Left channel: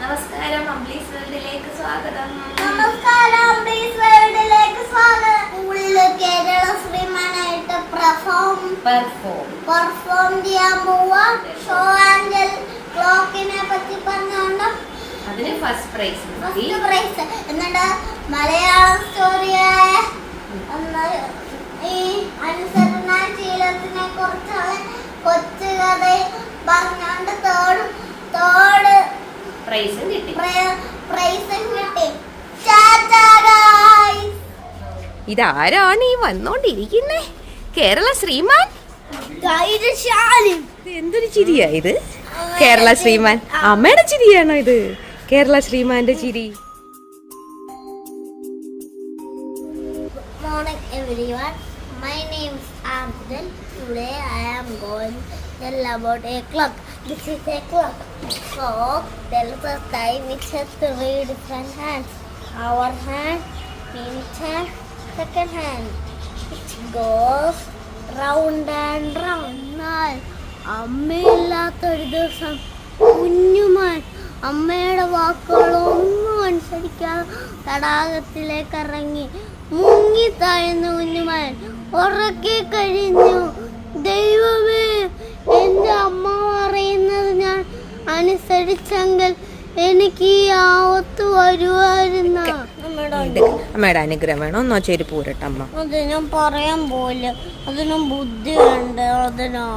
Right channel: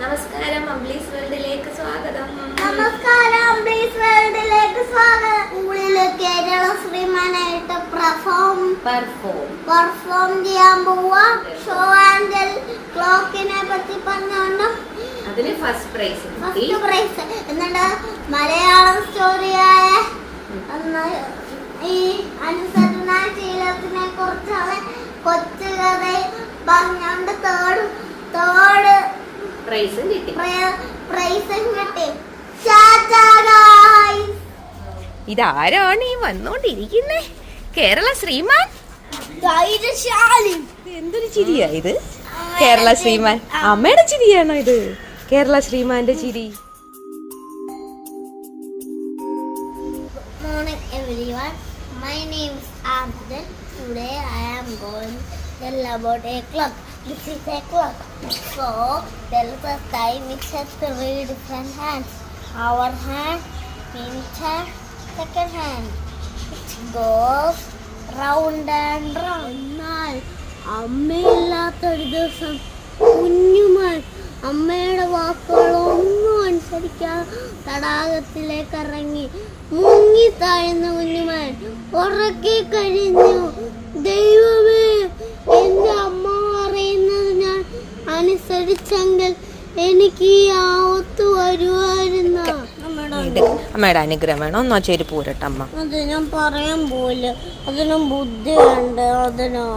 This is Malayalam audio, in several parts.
നമസ്കാരം, അംബ്ലീസ് വേൾഡിലേക്ക് സ്വാഗതം. നമസ്കാരം, അംബ്ലീസ് വേൾഡിലേക്ക് സ്വാഗതം. കേരള ശ്രീമാനായിട്ട് പെർഫോം ചെയ്യാൻ പോവാ. ഷോ ആൻഡ് ക്ലോക്കിനെ പറ്റി പറഞ്ഞോണ്ട് അതിന് ഫസ്റ്റ് പ്രൈസ് എന്നിട്ട് മലയാളം സ്റ്റോറിയായ ഈ അനുസരണശീലത്തിനെ കുറിച്ചുള്ള കൊച്ചു കഥ പറഞ്ഞോണ്ട് തേർഡ് പ്രൈസും കിട്ടി. ഇതാരാണ് ഈ വന്നോണ്ടിരിക്കുന്നേ? കേരള ശ്രീമാൻ. എന്തൊരു ചിരിയാ ഇത്? കേരള ശ്രീമാൻ അമ്മയുടെ ചിരിയാണോ ഇത്? കേരള ശ്രീമാന്റെ ചിരി. Morning everyone, my name is Abdul. Today I am going to tell about a clock. This is a clock. So there is a time which has three different hands. Hour hand, minute hand, second hand. It goes round and round. അമ്മയില്ലാത്തൊരു ദിവസം കുഞ്ഞുമാൻ അമ്മയുടെ വാക്കുകളൊന്നും അനുസരിക്കാൻ തടാകത്തിലേക്ക് ഇറങ്ങി മുങ്ങിത്താഴ്ന്ന കുഞ്ഞുമാൻ ഉറക്കി കഴിഞ്ഞു. ദൈവമേ, എന്റെ അമ്മ പറയുന്നത് ഞാൻ അനുസരിച്ചെങ്കിൽ എനിക്ക് ഈ ആവത്ത് വരുമായിരുന്നു. അമ്മയുടെ അനുഗ്രഹം വേണോ? ഒന്നോ ചെരുപ്പ് പോരട്ടെ അമ്മ. അത് ഞാൻ പറയാൻ പോയില്ല, അതിനും ബുദ്ധിയുണ്ട്.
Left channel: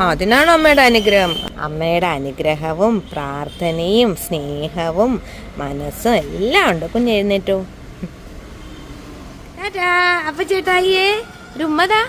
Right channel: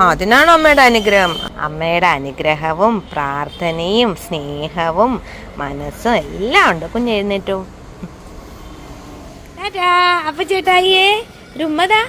അതിനാണോ അമ്മയുടെ അനുഗ്രഹം? അമ്മയുടെ അനുഗ്രഹവും പ്രാർത്ഥനയും സ്നേഹവും മനസ്സും എല്ലാം ഉണ്ട്. കുഞ്ഞെഴുന്നേറ്റു. അപ്പൊ ചേട്ടായിയേ രുമ്മതാ.